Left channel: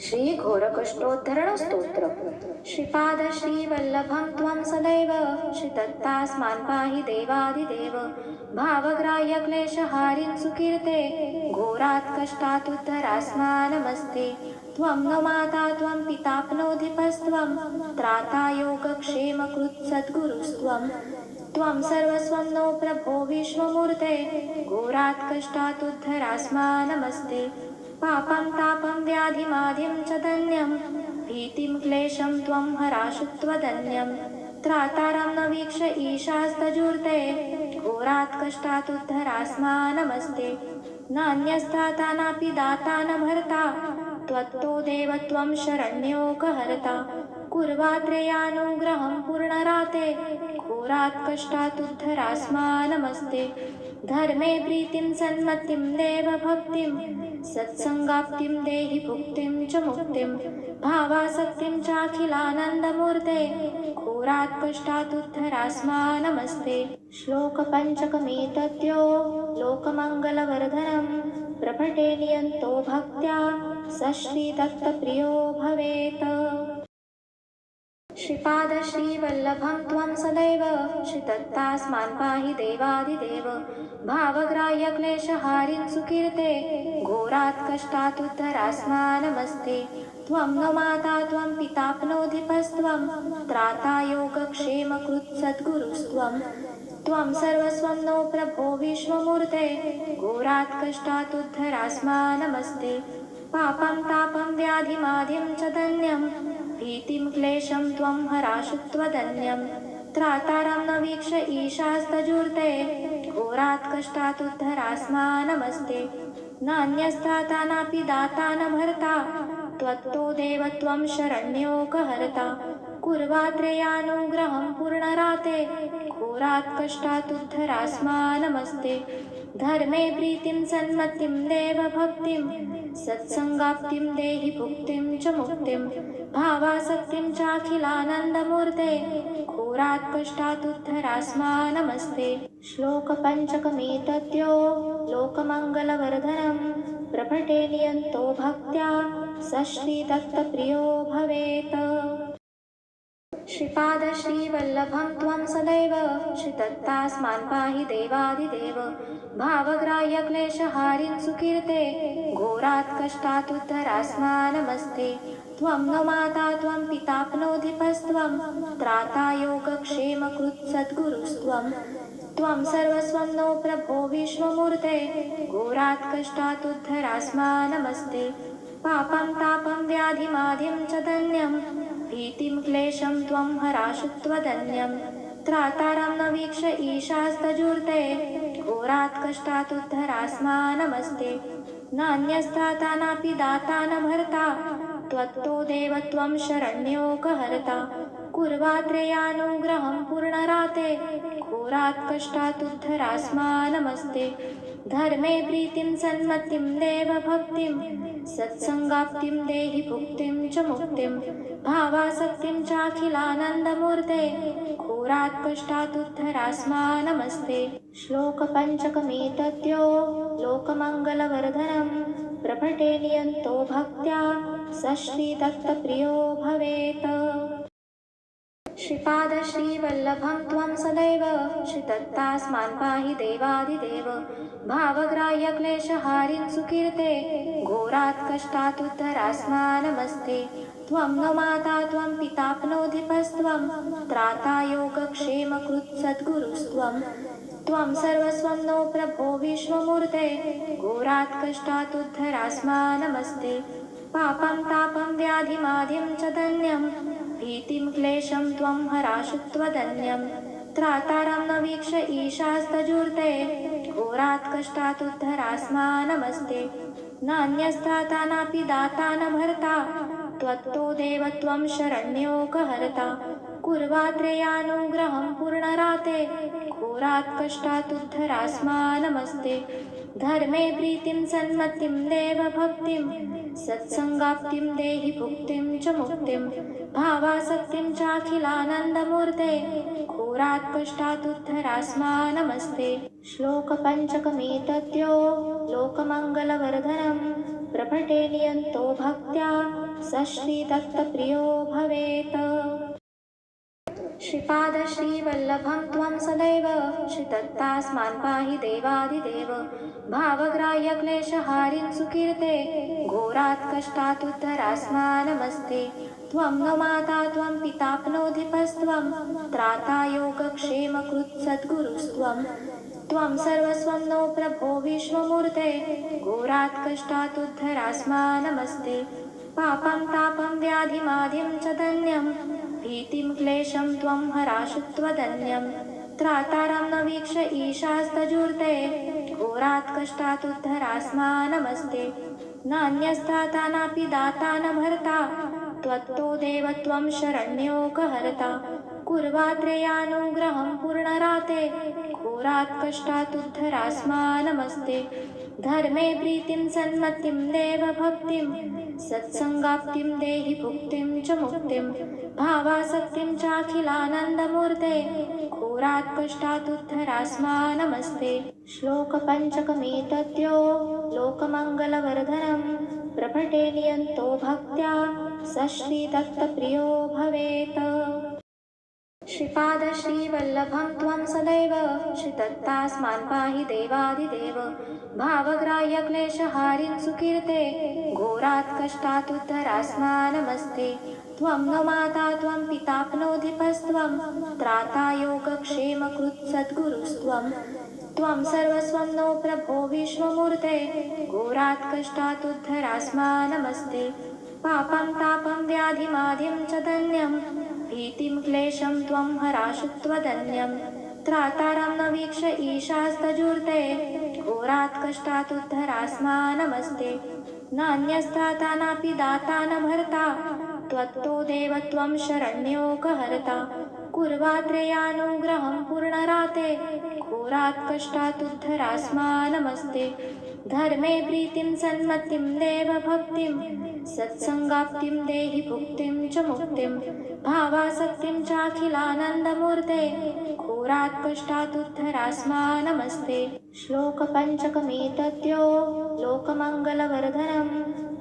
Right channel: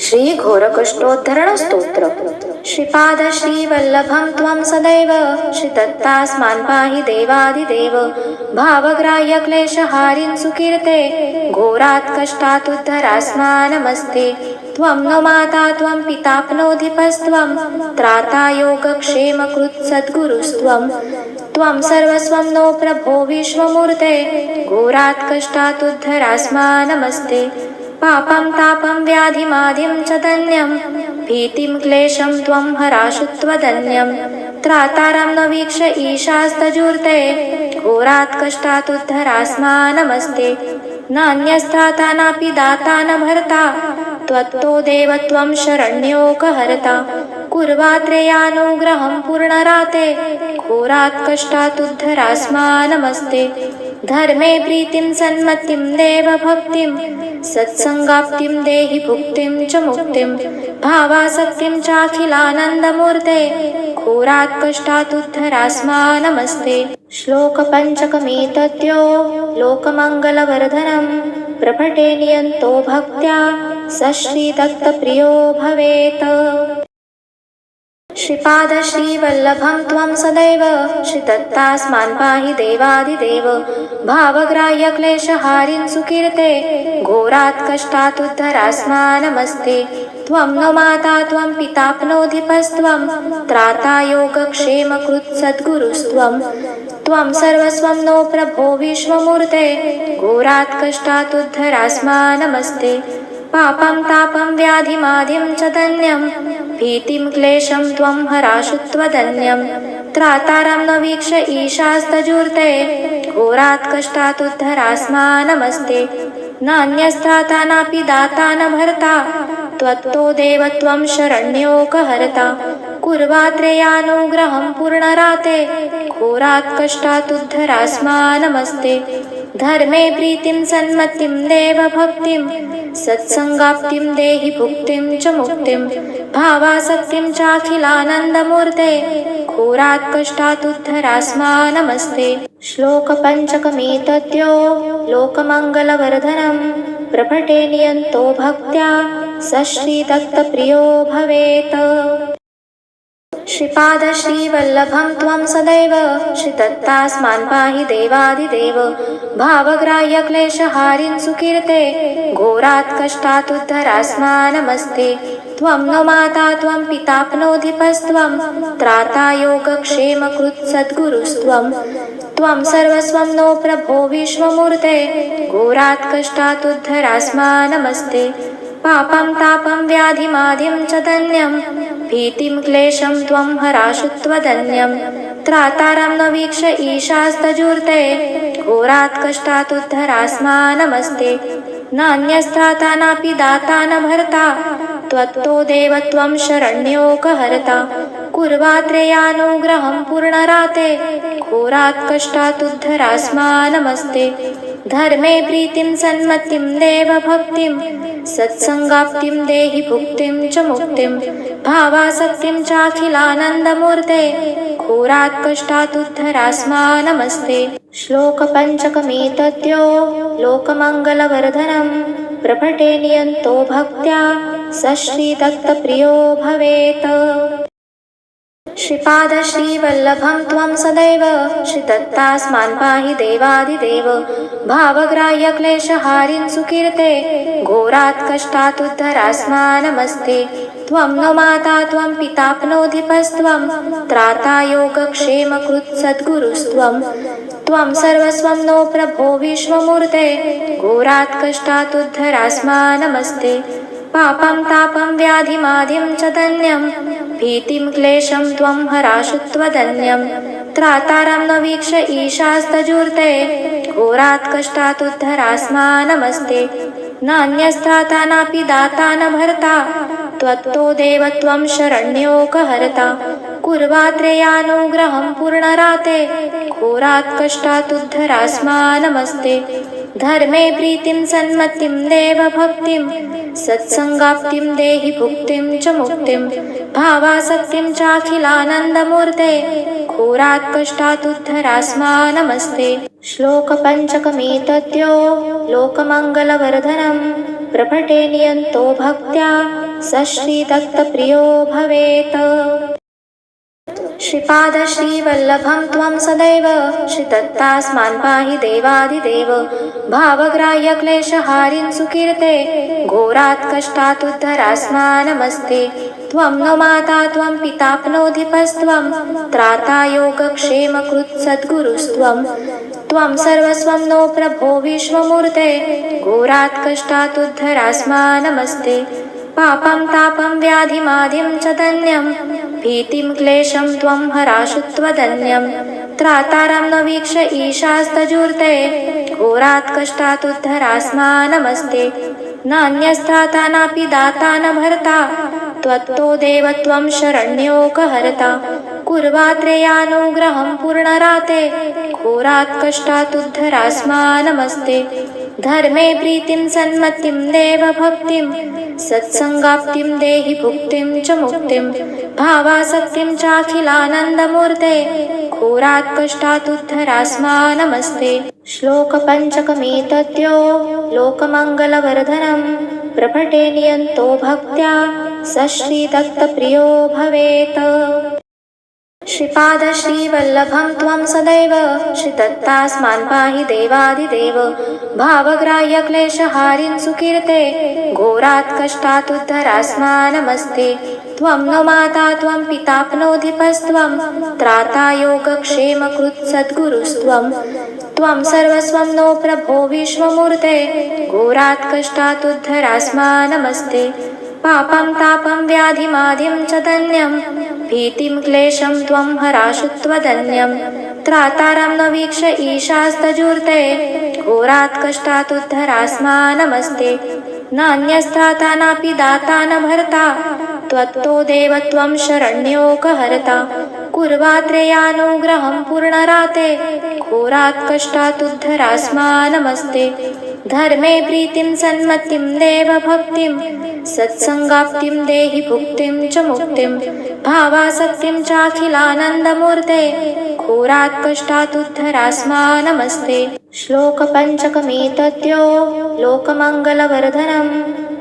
श्री घोरकष्टोद्धरण स्तोत्र। श्रीपाद श्रीवल्लभं त्वं सदैव। श्रीदत्तास्मान् पाहि देवादिदेव। भावग्राह्य क्लेशहारिं सुकीर्ते। घोरात् कष्टात् त्वं नो माता त्वं पिताप्नोधिपस्त्वं। त्राता योगक्षेमकृत् सद्गुरुस्त्वं त्वं सर्वस्वं नो प्रभो विश्वमूर्ते। घोरात् कष्टात् पापं तापं व्याधिमाधिं च धन्यं। भीतिं क्लेशं त्वं हराशु त्वदन्यं। त्रातारं न वीक्ष ईशास्तजूर्ते। घोरात् कष्टादुद्धरास्मानमस्ते नान्यस्त्राता नापि दाता न भर्ता त्वत्तो देव त्वं शरण्योकहर्ता। कुर्वात्रेयानुग्रहं पूर्णराते। घोरात् कष्टादुद्धरास्मानमस्ते धर्मे प्रीतिं सन्मतिं देवभक्तिं सत्सङ्गाप्तिं देहि भुक्तिं च मुक्तिं भावासक्तिं चाखिलानन्दमूर्ते घोरात् कष्टातुद्धरास्मानमस्ते श्लोकपञ्चकमेतद्यो लोकमङ्गलवर्धनं प्रभटे नियन्तो भक्त्या स श्रीदत्तप्रियो भवेत्। श्रीपाद श्रीवल्लभं त्वं सदैव श्रीदत्तास्मान् पाहि देवादिदेव भावग्राह्य क्लेशहारिं सुकीर्ते घोरात् कष्टातुद्धरास्मानमस्ते त्वं नो माता त्वं पिताप्नोधिपस्त्वं त्राता योगक्षेमकृत् सद्गुरुस्त्वं। त्वं सर्वस्वं नो प्रभो विश्वमूर्ते घोरात् कष्टातुद्धरास्मानमस्ते पापं तापं व्याधिमादिं च धन्यं भीतिं क्लेशं त्वं हराशुत्वदन्यं त्रातारं न वीक्ष ईशास्तजूर्ते घोरात् कष्टातुद्धरास्मानमस्ते नान्यस्थाता नापि दाता न भर्ता त्वत्तो देव त्वं शरण्योकहर्ता। कुर्वात्रेयानुग्रहं पूर्णराते घोरात् कष्टातुद्धरास्मानमस्ते धर्मे प्रीतिं सन्मतिं देवभक्तिं सत्सङ्गाप्तिं देहि भुक्तिं च मुक्तिं भावासक्तिं चाखिलानन्दमूर्ते घोरात् कष्टातुद्धरास्मानमस्ते श्लोकपञ्चकमेतद्यो लोकमङ्गलवर्धनं प्रभटे नियन्तो भक्त्या स श्रीदत्तप्रियो भवेत् श्रीपाद श्रीवल्लभं त्वं सदैव श्रीदत्तास्मान् पाहि देवादिदेव भावग्राह्य क्लेशहारिं सुकीर्ते घोरात् कष्टातुद्धरास्मानमस्ते त्वं नो माता त्वं पिताप्नोधिपस्त्वं त्राता योगक्षेमकृत् सद्गुरुस्त्वं। त्वं सर्वस्वं नो प्रभो विश्वमूर्ते घोरात् कष्टातुद्धरास्मानमस्ते पापं तापं व्याधिमादिं च धन्यं भीतिं क्लेशं त्वं हराशुत्वदन्यं त्रातारं न वीक्ष ईशास्तजूर्ते घोरात् कष्टातुद्धरास्मानमस्ते नान्यस्त्राता नापि दाता न भर्ता त्वत्तो देव त्वं शरण्योकहर्ता। कुर्वात्रेयानुग्रहं पूर्णराते घोरात् कष्टादुद्धरास्मानमस्ते धर्मे प्रीतिं सन्मतिं देवभक्तिं सत्सङ्गाप्तिं देहि भुक्तिं च मुक्तिं भावासक्तिं चाखिलानन्दमूर्ते घोरात् कष्टातुद्धरास्मानमस्ते श्लोकपञ्चकमेतद्यो लोकमङ्गलवर्धनं प्रभटे नियन्तो भक्त्या स श्रीदत्तप्रियो भवेत्। श्रीपाद श्रीवल्लभं त्वं सदैव श्रीदत्तास्मान् पाहि देवादिदेव भावग्राह्य क्लेशहारिं सुकीर्ते घोरात् कष्टातुद्धरास्मानमस्ते त्वं नो माता त्वं पिताप्नोधिपस्त्वं त्राता योगक्षेमकृत् सद्गुरुस्त्वं त्वं सर्वस्वं नो प्रभो विश्वमूर्ते घोरात् कष्टातुद्धरास्मानमस्ते पापं तापं व्याधिमादिं च धन्यं भीतिं क्लेशं त्वं हराशु त्वदन्यं। त्रातारं न वीक्ष ईशास्तजूर्ते घोरात् कष्टातुद्धरास्मानमस्ते नान्यस्त्राता नापि दाता न भर्ता त्वत्तो देव त्वं शरण्योकहर्ता। कुर्वात्रेयानुग्रहं पूर्णराते घोरात् कष्टातुद्धरास्मानमस्ते धर्मे प्रीतिं सन्मतिं देवभक्तिं सत्सङ्गाप्तिं देहि भुक्तिं च मुक्तिं भावासक्तिं चाखिलानन्दमूर्ते घोरात् कष्टातुद्धरास्मानमस्ते श्लोकपञ्चकमेतद्यो लोकमङ्गलवर्धनं प्रभटे नियन्तो भक्त्या स श्रीदत्तप्रियो भवेत्। श्रीपाद श्रीवल्लभं त्वं सदैव श्रीदत्तास्मान् पाहि देवादिदेव भावग्राह्य क्लेशहारिन् सुकीर्ते घोरात् कष्टात् त्वं नो माता त्वं पिताप्नोऽधिपस्त्वं त्राता योगक्षेमकृत् सद्गुरुस्त्वं त्वं सर्वस्वं नो प्रभो विश्वमूर्ते घोरात् कष्टात् पापं तापं व्याधिमाधिं च धन्यं भीतिं क्लेशं त्वं हराशु त्वदन्यं त्रातारं न वीक्ष ईशास्तजूर्ते घोरात् कष्टात् नमस्ते नान्यस्त्राता नापि दाता न भर्ता त्वत्तो देव त्वं शरण्योकहर्ता। कुर्वात्रेयानुग्रहं पूर्णराते घोरात् कष्टात् नमस्ते धर्मे प्रीतिं सन्मतिं देवभक्तिं सत्सङ्गाप्तिं देहि भुक्तिं च मुक्तिं भावासक्तिं चाखिलानन्दमूर्ते घोरात् कष्टात् नमस्ते श्लोकपञ्चकमेतद्यो लोकमङ्गलवर्धनं प्रभटे नियन्तो भक्त्या स श्रीदत्तप्रियो भवेत् श्रीपाद श्रीवल्लभं त्वं सदैव श्रीदत्तास्मान् पाहि देवादिदेव भावग्राह्य क्लेशहारिन् सुकीर्ते घोरात् कष्टात् नमस्ते त्वं न माता त्वं पिताप्नोऽधिपस्त्वं त्राता योगक्षेमकृत् सद्गुरुस्त्वं त्वं सर्वस्वं नो प्रभो विश्वमूर्ते घोरात् कष्टात् नमस्ते पापं तापं व्याधिमादिं च धन्यं भीतिं क्लेशं त्वं हराशु त्वदन्यं। त्रातारं न वीक्ष ईशास्तजूर्ते घोरात् कष्टात् नमस्ते। नान्यस्त्राता नापि दाता न भर्ता त्वत्तो देव त्वं शरण्योकहर्ता। कुर्वात्रेयानुग्रहं पूर्णराते घोरात् कष्टात् नमस्ते। धर्मे प्रीतिं सन्मतिं देवभक्तिं सत्सङ्गाप्तिं देहि भुक्तिं च मुक्तिं भावासक्तिं चाखिलानन्दमूर्ते घोरात् कष्टात् नमस्ते श्लोकपञ्चकमेतद्यो लोकमङ्गलवर्धनं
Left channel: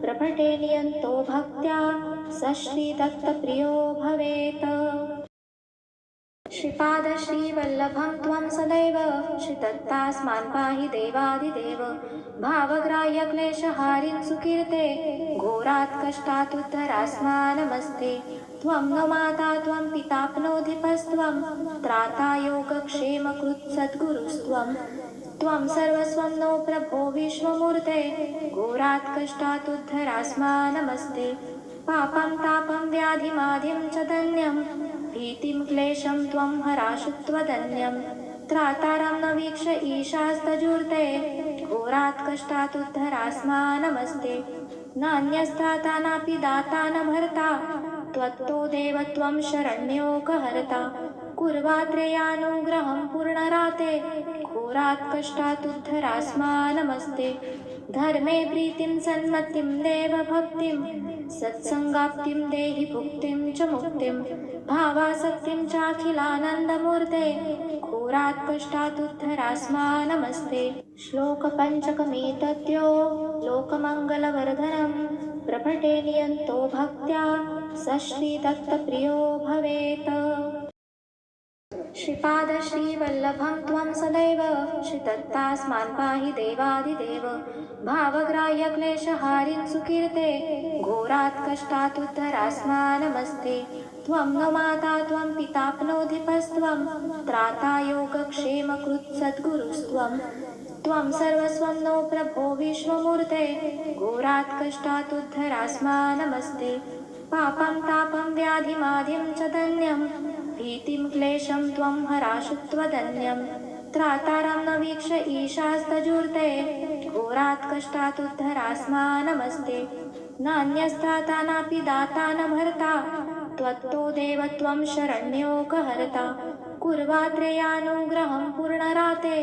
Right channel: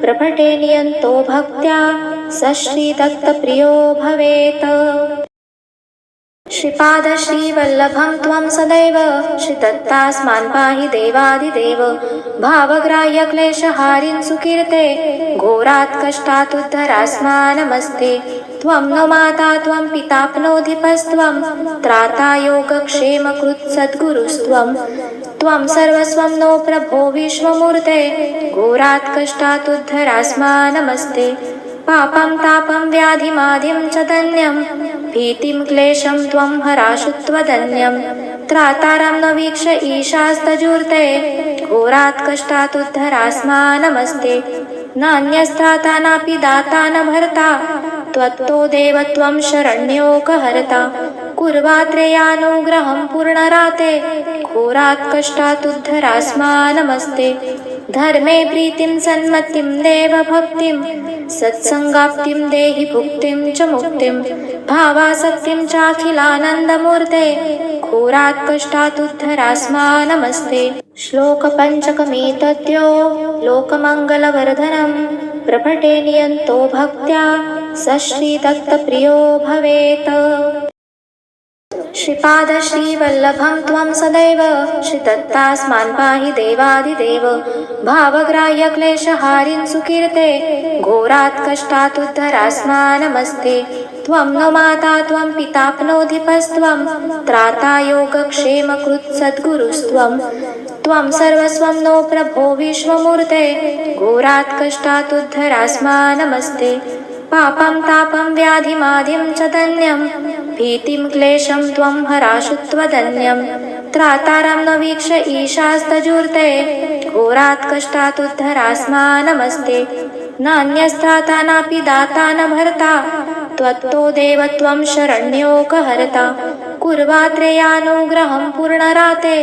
प्रभटे नियन्तो भक्त्या स श्रीदत्तप्रियो भवेत्। श्रीपाद श्रीवल्लभं त्वं सदैव श्रीदत्तास्मान् पाहि देवादिदेव भावग्राह्य क्लेशहारिन् सुकीर्ते घोरात् कष्टात् उद्धरास्मानमस्ते त्वं नो माता त्वं पिताप्नोऽधिपस्त्वं त्राता योगक्षेमकृत् सद्गुरुस्त्वं त्वं सर्वस्वं नो प्रभो विश्वमूर्ते घोरात् कष्टात् उद्धरास्मानमस्ते पापं तापं व्याधिमाधिं च धन्यं भीतिं क्लेशं त्वं हराशुत्वदन्यं त्रातारं न वीक्ष ईशास्तजूर्ते। घोरात् कष्टात् नमस्ते नान्यस्त्राता नापि दाता न भर्ता त्वत्तो देव त्वं शरण्योकहर्ता। कुर्वात्रेयानुग्रहं पूर्णराते। घोरात् कष्टात् नमस्ते धर्मे प्रीतिं सन्मतिं देवभक्तिं सत्सङ्गाप्तिं देहि भुक्तिं च मुक्तिं भावासक्तिं चाखिलानन्दमूर्ते घोरात् कष्टात् नमस्ते श्लोकपञ्चकमेतद्यो लोकमङ्गलवर्धनं प्रभटे नियन्तो भक्त्या स श्रीदत्तप्रियो भवेत् श्रीपाद श्रीवल्लभं त्वं सदैव श्रीदत्तास्मान् पाहि देवादिदेव भावग्राह्य क्लेशहारिन् सुकीर्ते घोरात् कष्टात् नमस्ते त्वं नो माता त्वं पिताप्नोऽधिपस्त्वं त्राता योगक्षेमकृत् सद्गुरुस्त्वं त्वं सर्वस्वं नो प्रभो विश्वमूर्ते घोरात् कष्टात् नमस्ते पापं तापं व्याधिमादिं च धन्यं भीतिं क्लेशं त्वं हराशुत्वदन्यं त्रातारं न वीक्ष ईशास्तजूर्ते घोरात् कष्टात् नमस्ते नान्यस्त्राता नापि दाता न भर्ता त्वत्तो देव त्वं शरण्योकहर्ता। कुर्वात्रेयानुग्रहं पूर्णराते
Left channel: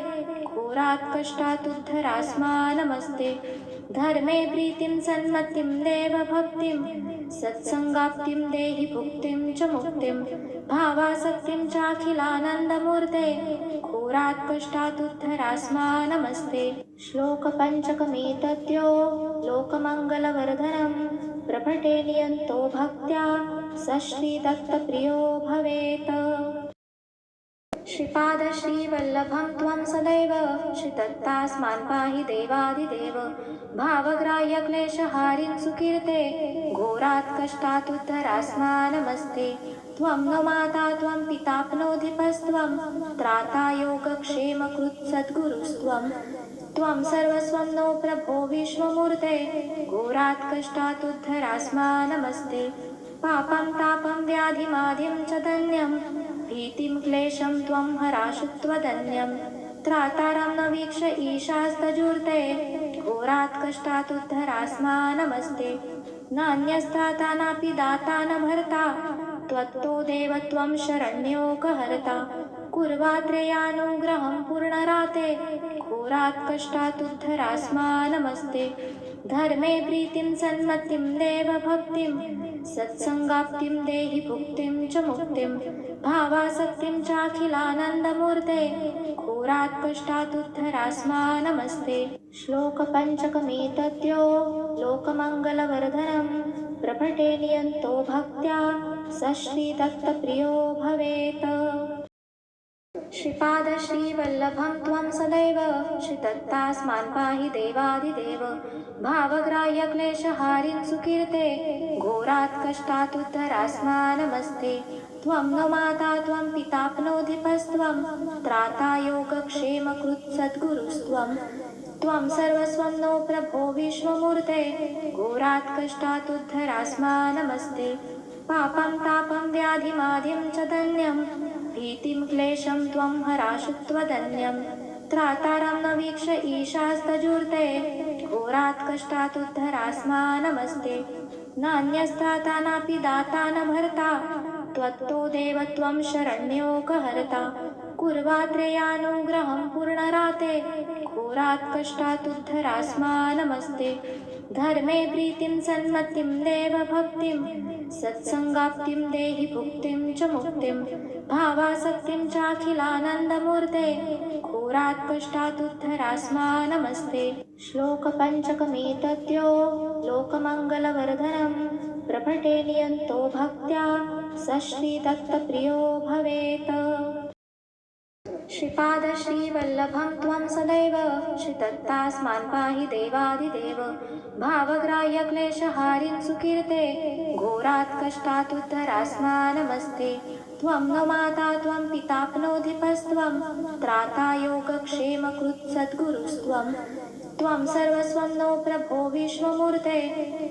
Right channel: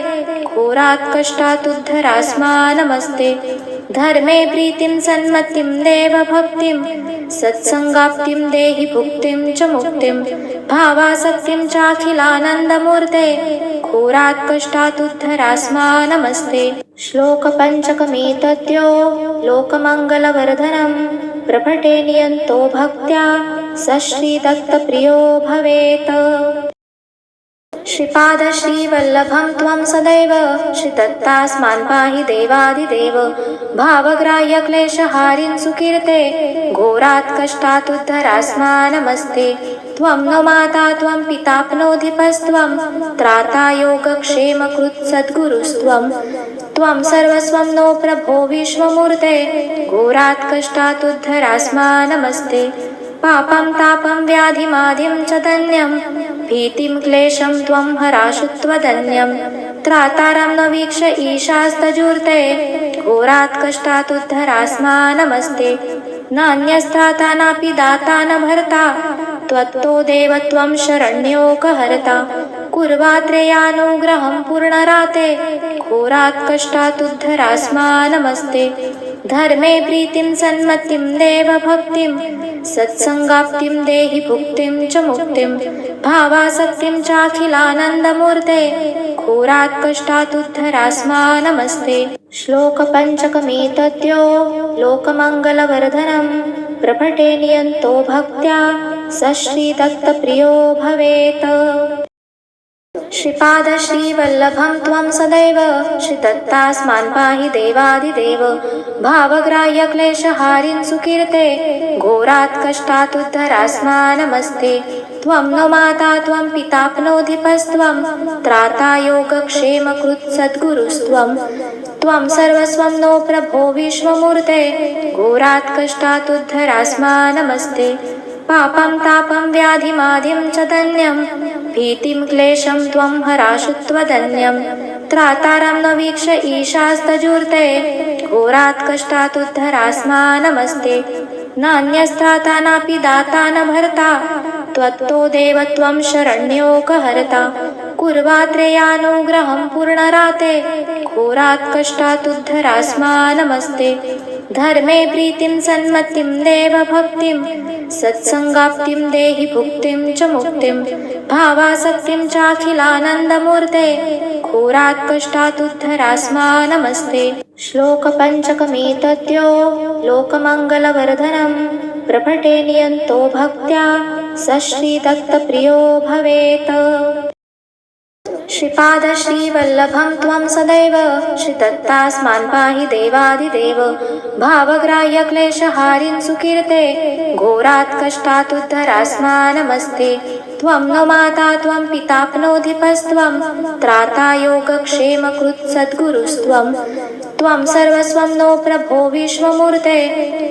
घोरात् कष्टात् नमस्ते धर्मे प्रीतिं सन्मतिं देवभक्तिं सत्सङ्गाप्तिं देहि भुक्तिं च मुक्तिं भावासक्तिं चाखिलानन्दमूर्ते घोरात् कष्टातुद्धरास्मा नमस्ते श्लोकपञ्चकमेतद्यो लोकमङ्गलवर्धनं प्रभटे नियन्तो भक्त्या स श्रीदत्तप्रियो भवेत्। श्रीपादश्रीवल्लभं त्वं सदैव श्रीदत्तास्मान् पाहि देवादिदेव भावग्राह्यक्लेशहारिन् सुकीर्ते घोरात् कष्टातुद्धरास्मा नमस्ते त्वं नो माता त्वं पिताप्नोऽधिपस्त्वं त्राता योगक्षेमकृत् सद्गुरुस्त्वं त्वं सर्वस्वं नो प्रभो विश्वमूर्ते घोरात् कष्टातुद्धरास्मा नमस्ते पापं तापं व्याधिमादिं च धन्यं भीतिं क्लेशं त्वं हराशु त्वदन्यं। त्रातारं न वीक्ष ईशास्तजूर्ते। घोरात् कष्टातुद्धरास्मा नमस्ते नान्यस्त्राता नापि दाता न भर्ता त्वत्तो देवत्वं शरण्योकहर्ता। कुर्वात्रेयानुग्रहं पूर्णराते। घोरात् कष्टातुद्धरास्मा नमस्ते धर्मे प्रीतिं सन्मतिं देवभक्तिं सत्सङ्गाप्तिं देहि भुक्तिं च मुक्तिं भावासक्तिं चाखिलानन्दमूर्ते घोरात् कष्टातुद्धरास्मा नमस्ते श्लोकपञ्चकमेतद्यो लोकमङ्गलवर्धनं प्रभटे नियन्तो भक्त्या स श्रीदत्तप्रियो भवेत् श्रीपादश्रीवल्लभं त्वं सदैव श्रीदत्तास्मान् पाहि देवादिदेव भावग्राह्यक्लेशहारिन् सुकीर्ते घोरात् कष्टातुद्धरास्मा नमस्ते त्वं नो माता त्वं पिताप्नोऽधिपस्त्वं त्राता योगक्षेमकृत् सद्गुरुस्त्वं त्वं सर्वस्वं नो प्रभो विश्वमूर्ते घोरात् कष्टातुद्धरास्मा नमस्ते पापं तापं व्याधिमादिं च धन्यं भीतिं क्लेशं त्वं हराशु त्वदन्यं। त्रातारं न वीक्ष ईशास्तजूर्ते घोरात् कष्टातुद्धरास्मा नमस्ते नान्यस्त्राता नापि दाता न भर्ता त्वत्तो देव त्वं शरण्योकहर्ता। कुर्वात्रेयानुग्रहं पूर्णराते घोरात् कष्टातुद्धरास्मा नमस्ते धर्मे प्रीतिं सन्मतिं देवभक्तिं सत्सङ्गाप्तिं देहि भुक्तिं च मुक्तिं भावासक्तिं चाखिलानन्दमूर्ते घोरात् कष्टातुद्धरास्मा नमस्ते श्लोकपञ्चकमेतद्यो लोकमङ्गलवर्धनं प्रभटे नियन्तो भक्त्या स श्रीदत्तप्रियो भवेत् श्रीपादश्रीवल्लभं त्वं सदैव श्रीदत्तास्मान् पाहि देवादिदेव। भावग्राह्यक्लेशहारिं सुकीर्ते घोरात् कष्टात् उद्धरास्मानमस्ते त्वं नो माता त्वं पिताप्नोऽधिपस्त्वं त्राता योगक्षेमकृत् सद्गुरुस्त्वं त्वं सर्वस्वं नो प्रभो विश्वमूर्ते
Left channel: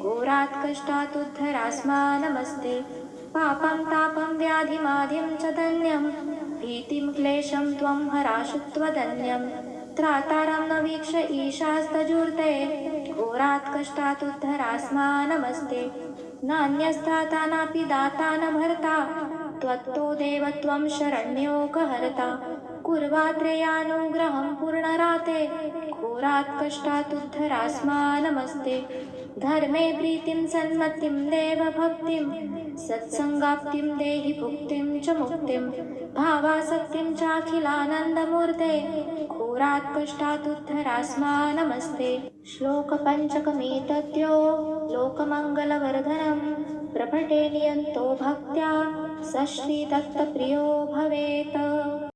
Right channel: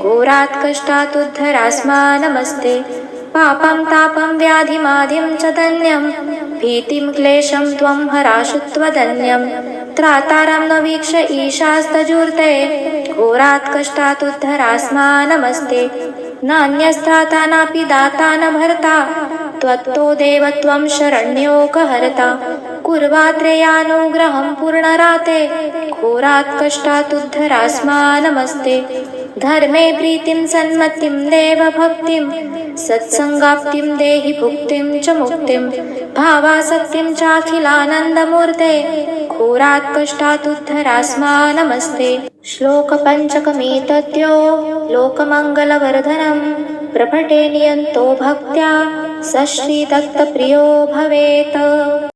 घोरात् कष्टात् उद्धरास्मानमस्ते पापं तापं व्याधिमाधिं च धन्यं भीतिं क्लेशं त्वं हराशुत्वदन्यं त्रातारं न वीक्ष ईशास्तजूर्ते घोरात् कष्टातुद्धरास्मा नमस्ते नान्यस्त्राता नापि दाता न भर्ता त्वत्तो देव त्वं शरण्योकहर्ता कुर्वात्रेयानुग्रहं पूर्णराते घोरात् कष्टातुद्धरास्मानमस्ति धर्मे प्रीतिं सन्मतिं देवभक्तिं सत्सङ्गाप्तिं देहि भुक्तिं च मुक्तिं भावासक्तिं चाखिलानन्दमूर्ते घोरात् कष्टातुद्धरास्मा नमस्ते श्लोकपञ्चकमेतद्यो लोकमङ्गलवर्धनं प्रभटे नियन्तो भक्त्या स श्रीदत्तप्रियो भवेत्